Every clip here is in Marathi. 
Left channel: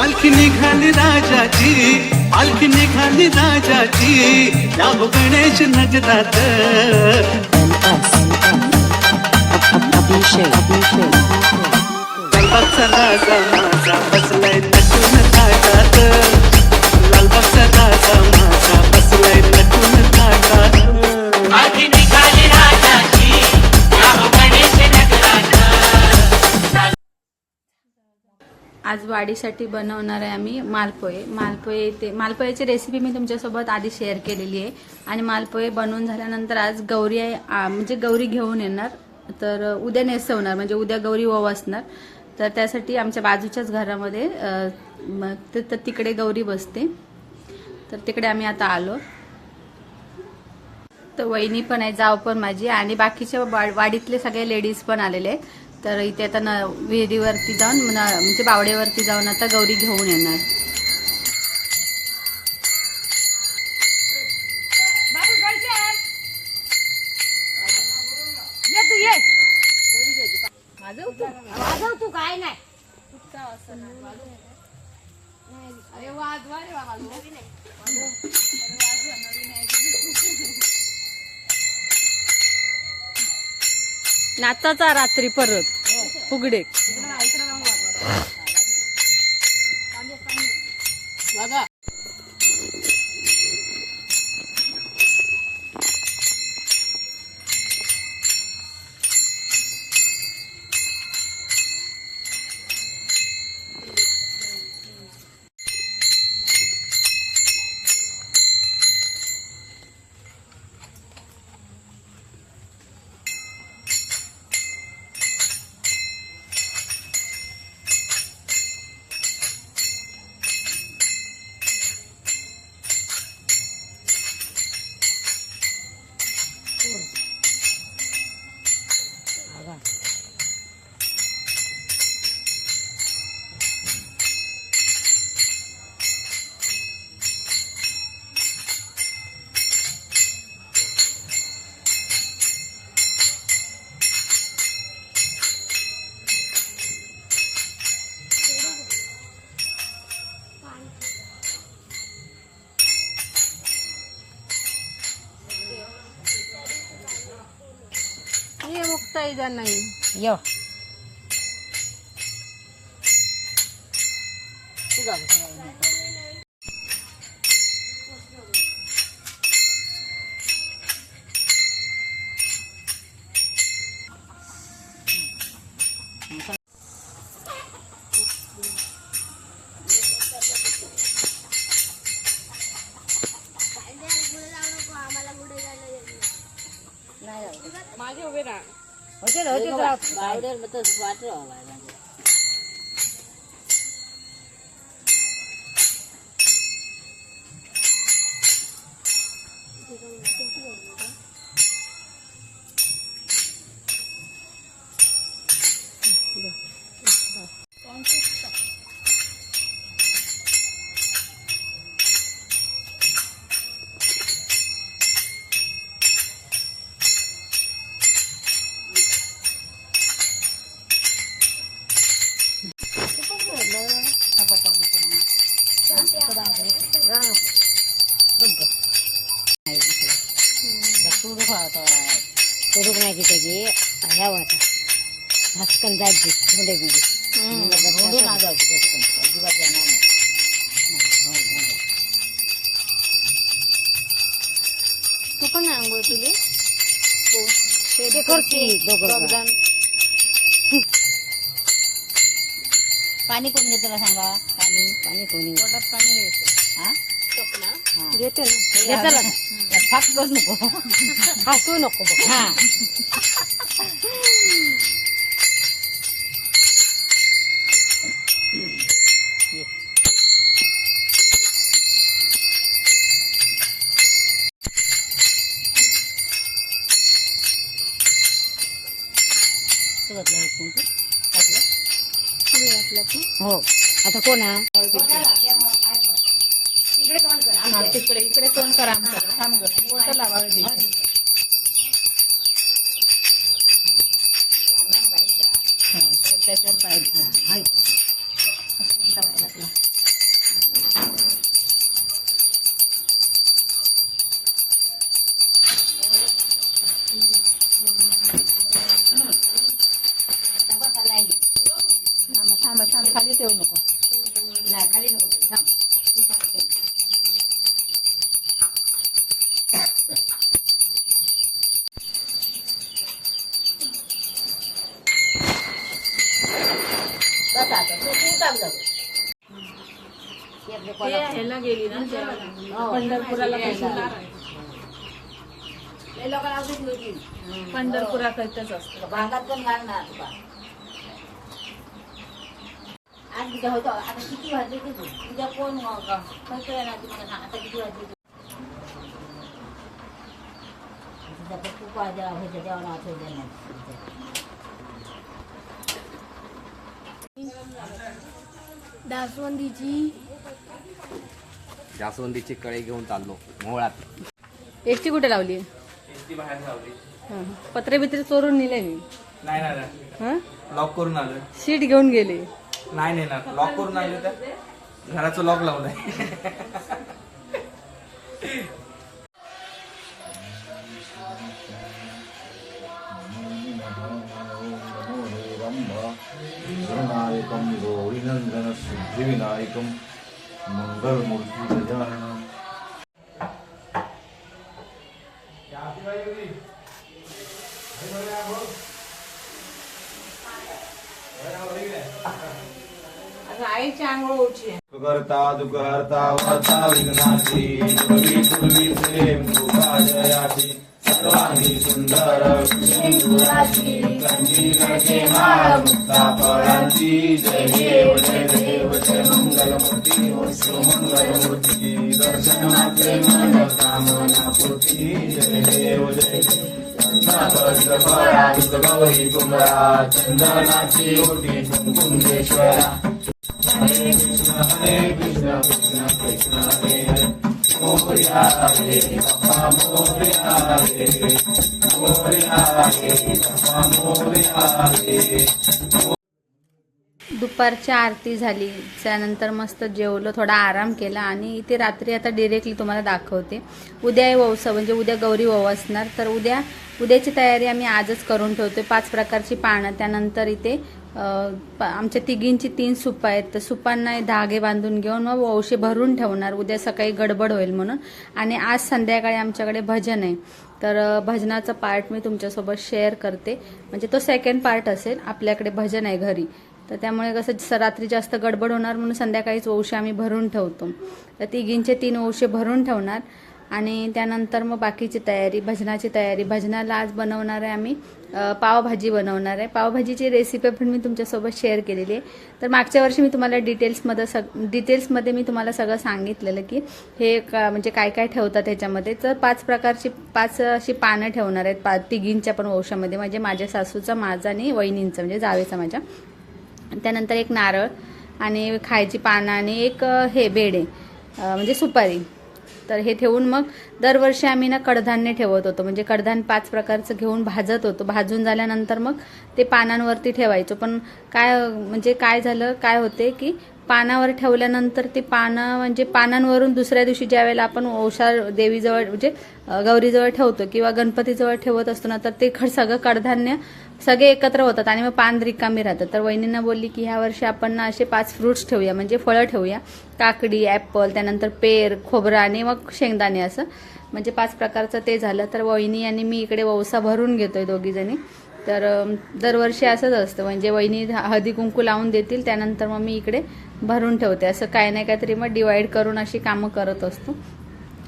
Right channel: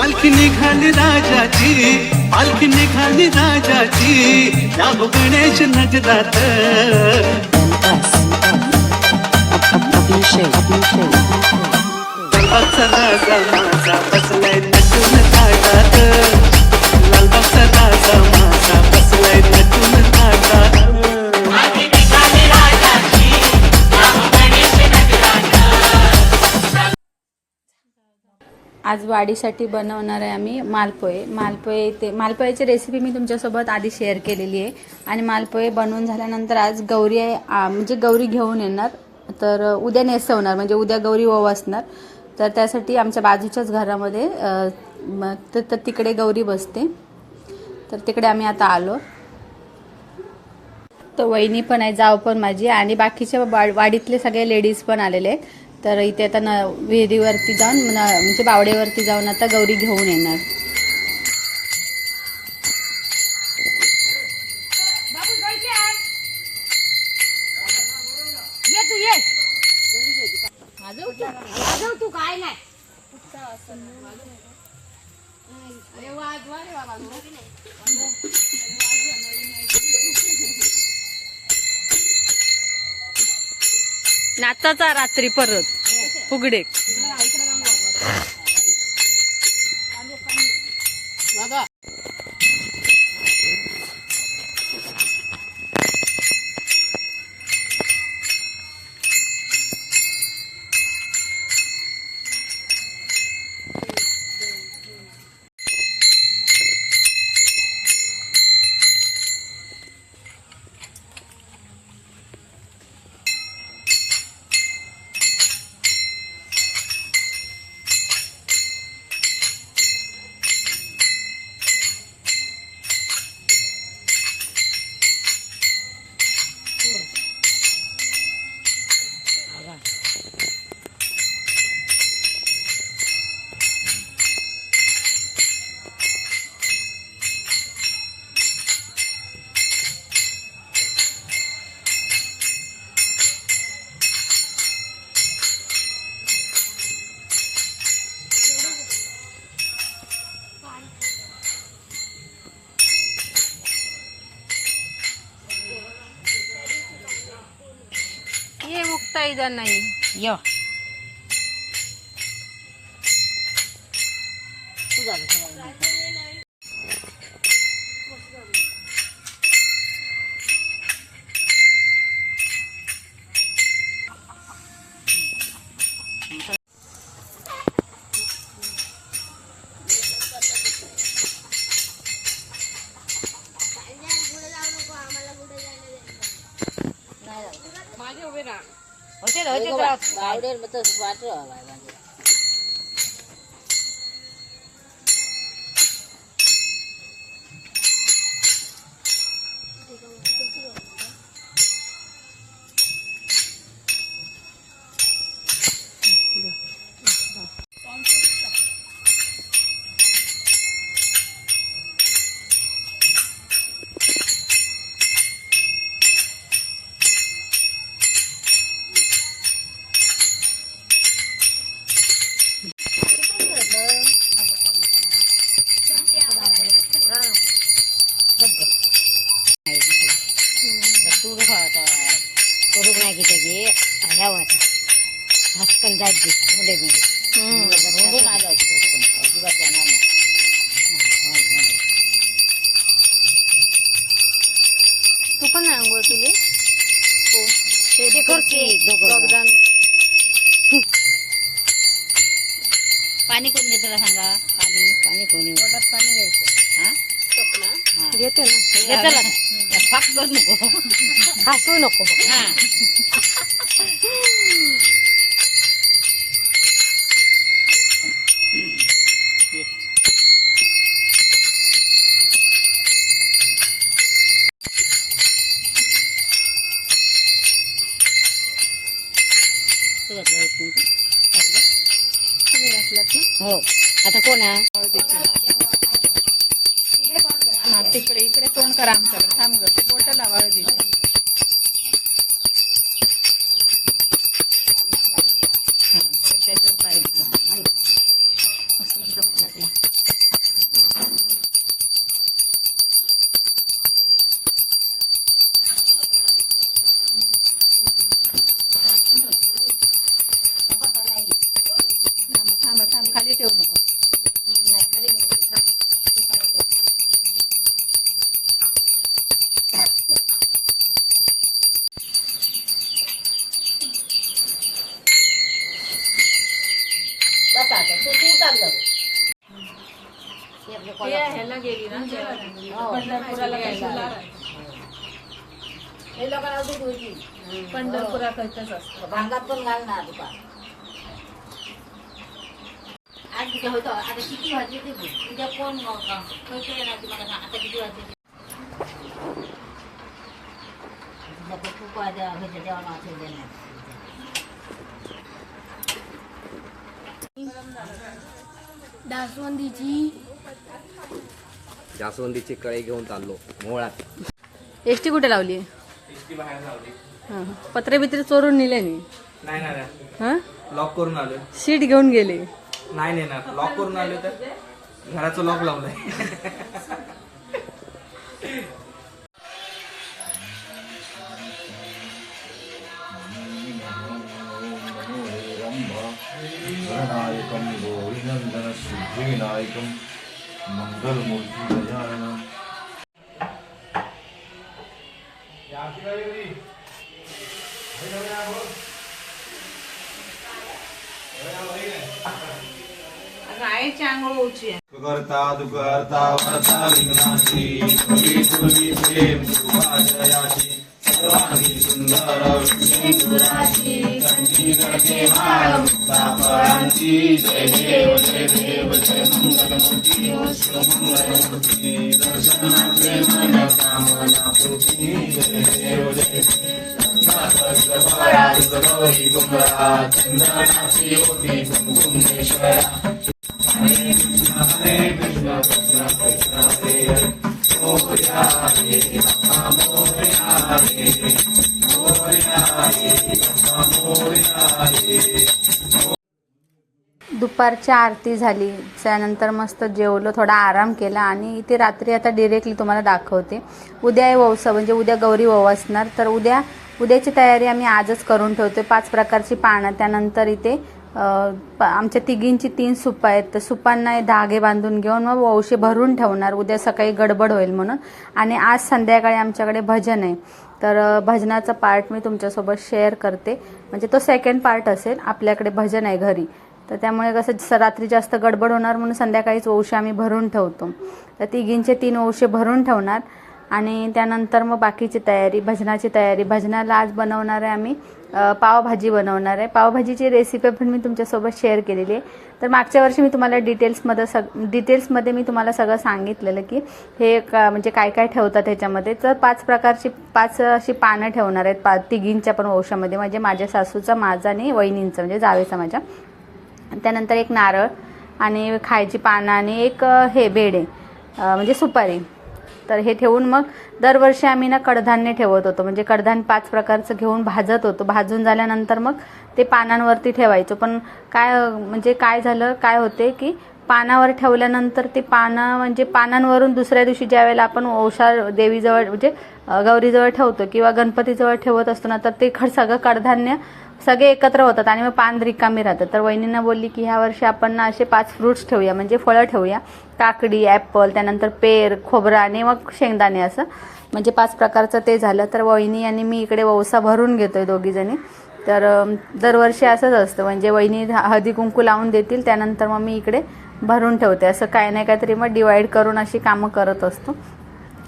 पालखी निघाली राजाची पालखी निघाली राजाची. जागो गणेश नगरात लालबागचा राजा माझा बसलाय नटून ताटात आज वाढीसाठी बनवणार आहे आम्ही मालपोहे. मालपोहे ते मालपोह्याची रेसिपी मी तुमच्यासोबत आधी शेअर केलेली आहे. आणि मालपोहे बनवून झाल्यानंतर आज गौरी आहे म्हणजे गौरी घेऊन येणार. तर उद्या नेसवणार म्हणजे उद्या गौरी ओवासणार तर त्यासाठी आमच्या बाजूच्याच घरामध्ये तर तिकडे गौरी बसते. तर तिकडे आम्ही आता आलो. तर वहिनी पण आहे जाव पण माझी. आणि बाकीच्या वाडीतले सगळे लेडीज पण आलेले आहेत. तर इथे आता न विहिरीवरती जाऊन न- म्हणजे बावडेवरती जाऊन आता गौरी घेऊन येणार. नाचाचा रात्री परत. फुगडे. हे मुक्ता इजा नाही? यो. होते पावडर बावडेर मग तसं वाटलं हसकन जायची थोडे बिडे अजिबात जाणार नाही. तू पण आंघोळ तुली ते करते दोघं जण. पाणी कोण घेतो सांगा? पाणी. पाणी कोणी पोटात पाणी घ्यायचं हा? हा. घेतो ना. करू नको. हसू नको. हा. ते घातलं एक मिनिट. तुम्ही घातलात ना हो, आता कोण आहे तिकडे, इकडे तोंड करा आमच्याकडे थांब ग, बोट लावा हळदीची. त्याच्यावर पाय शेरले कोल्हापूर. गेली ना हो. पंढरपुराला हे लोक अजून होती पंढरपुराकडचंच असतं भांगात पण घालणार तुका आज किती होतो आता किती वाजले ते बघ. उद्या कोण खर्च येणार तुम्हाला सांग आता किती वाजले ते. तुझा पण खूप वाजा ह्याच्या देवाला वाचवलेलं नाही जास्वंदीची कळी घेऊन चाललो मोहळात एस टी कुठे लावली? बाहेर लावली. पत्रे बित्रे चोरून नेले मी. नाही ना नाही. हं? लॉक करून आलोय. शीट घेऊन गेले. नाही नेणार. लॉक करून आले तर घराचं लॉक लावलंय गणनायकं करता दुकर्ता वर्ता पूर्वी प्रेम सुभाजयाची सर्वांगी सुंदर सिंदुराची संगीतके माळ मुक्ता फळांची जय देव जय देव जय मंगलमूर्ती वस्तु दर्शनाचे मन कामना पूर्ती जय देव जय गौरी कुंभरा चंदनाची ओटी कुंकुमेश्वरा हरे कृष्ण हरे कृष्ण कृष्ण कृष्ण हरे दुपारची आरती झाली. त्यानंतर मस्त जेवलो थोडा आराम केला आणि इथे रात्री आता डिरेक्टली तुम्हाला दाखवते. उद्या आहे वौसा म्हणजे उद्या गौरी वव असणार. तर उद्या उद्याची तयारी आम्ही आजच करून ठेवतोय. पाच प्रकारची पानं त्यानंतर इथे प- आमच्या तिघींची तीन सुपं आहेत. तर सुपांना धागे बांधून घेऊन मग वौशे भरून ठेवणार. उद्या सकाळी गडबड होईल म्हणून. आणि आज संध्याकाळी आमच्याकडे भजन आहे. तर भजनाचा पार्ट मी तुमच्यासोबत शेअर करते. म्हणजे तो सेकंड पार्ट असेल. आपल्याकडे भजन आहे घरी. तर त्यामुळे कसं रात्री जास्त गडबड होणार म्हणून संध्याकाळीच ओवशे आम्ही भरून ठेवतो. तर तिघींचे तीन ओवशे भरून ठेवणार आणि त्यानंतर मग बाकीची तयारी भजनाची तयारी. भजनाला आज बनवणार आहे आम्ही पावभाजी बनवणार आहे. पावभाजीची रेसिपी पण मी तुमच्यासोबत शेअर केलेली आहे. तर मागच्या वर्षी मी तुम्हाला डिटेल्समध्ये सग डिटेल्समध्ये मी तुम्हाला सगळं सांगितलेलं की हे का म्हणजे काय काय ठेवतात ह्याच्यामध्ये. तर पाच प्रकारची पाच अशी पानं ठेवणार आहेत पा तिघींच्या पण वंशामध्ये म्हणजे माझ्या सासूचा माझा आणि वहिनींचं म्हणजे जावेचा माझ्या. त्यानंतर एक नारळ आणि खायची पानं आणि एक हे बेडे म्हणजे सुपारी. तर हे ठेवून मग दरवर्षी आम्ही ना कडधान्य ठेवत होतो. म्हणजे कडधान्य पाच प्रकारचं घेऊन भाजत होतो. भाजून झाल्यानंतर मग ते पानांवरती ठेवायचो. पण काय म्हणजे काय झालं काय होते की पानावर ठेवल्यानंतर ते पानं म्हणजे पानांवरून दुसऱ्या दिवशी ज्या वेळेला आपण ओषा देवीजवळ म्हणजे गौरीजवळ ठेवतो किंवा गणपतीजवळ ठेवत असतो ना तर ते खड सगळं कडधान्य सगळे एकत्र होतात आणि मग पान रिकामी राहतात. तर वहिनींना बोलली की ह्या वर्षी आपण ना असे पाच फ्रुट्स ठेवूया. म्हणजे फळं ठेवूया. काकडी ॲपल त्यानंतर पेर खोबरा आणि मग शेंगदाणे असं. म्हणजे पाच प्रकारचं ते झालं. तर वहिनी आणि मी इकडे वौसा भरून घेतोय दोघीजणी तर दरवर्षी असंच असतं. म्हणजे वहिनी हळदी कुंकू लावून देतील. त्यानंतर मग मी इकडे भरून ठेवते. असं काय नाही काहीतरी मग डिवाईड करून अशी कामं करत असतो.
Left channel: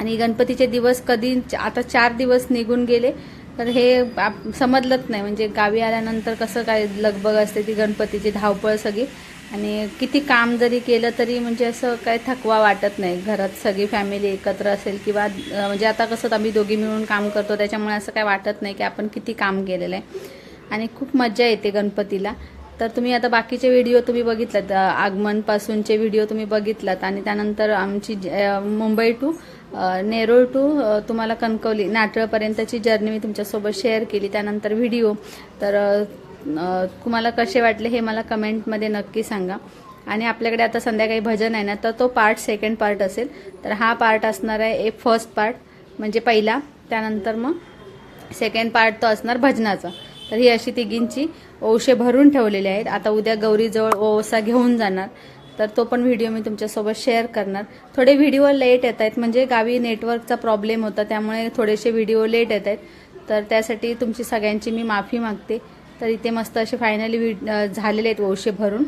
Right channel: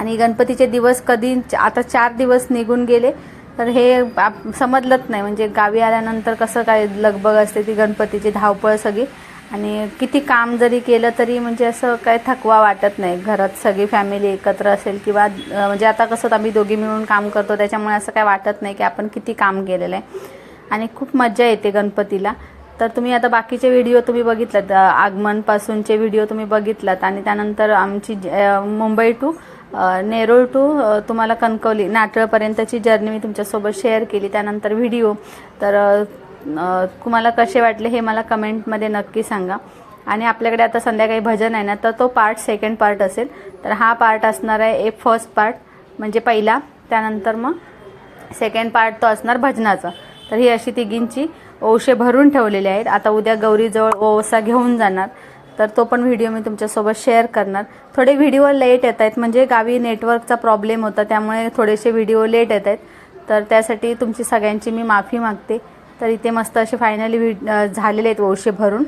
आणि गणपतीचे दिवस कधी आता चार दिवस निघून गेले. तर हे आप- समजलंच नाही. म्हणजे गावी आल्यानंतर कसं काय लगबग असते ती गणपतीची धावपळ सगळी. आणि किती काम जरी केलं तरी म्हणजे असं काय थकवा वाटत नाही. घरात सगळी फॅमिली एकत्र असेल किंवा म्हणजे आता कसं आम्ही दोघी मिळून काम करतो. त्याच्यामुळे असं काय वाटत नाही की आपण किती काम केलेलं आहे. आणि खूप मजा येते गणपतीला. तर तुम्ही आता बाकीचे व्हिडिओ तुम्ही बघितलात. आगमनपासूनचे व्हिडिओ तुम्ही बघितलात. आणि त्यानंतर आमची मुंबई टू नेरूळ टू तुम्हाला कणकवली नाटळपर्यंतची जर्नी मी तुमच्यासोबत शेअर केली. त्यानंतर व्हिडिओ तर तुम्हाला कसे वाटले हे मला कमेंटमध्ये नक्की सांगा. आणि आपल्याकडे आता संध्याकाळी भजन आहे ना तर तो पार्ट सेकंड पार्ट असेल. तर हा पार्ट असणार आहे एक फर्स्ट पार्ट म्हणजे पहिला. त्यानंतर मग सेकंड पार्ट तो असणार भजनाचा. तर ही अशी तिघींची ओशे भरून ठेवलेले आहेत. आता उद्या गौरीजवळ ओवसा घेऊन जाणार. तर तो पण व्हिडिओ मी तुमच्यासोबत शेअर करणार. थोडे व्हिडिओ लेट येत आहेत म्हणजे गावी नेटवर्कचा प्रॉब्लेम होता त्यामुळे थोडेसे व्हिडिओ लेट येत आहेत. तर त्यासाठी तुमची सगळ्यांची मी माफी मागते. तर इथे मस्त असे फायनली झालेले आहेत वौशे भरून.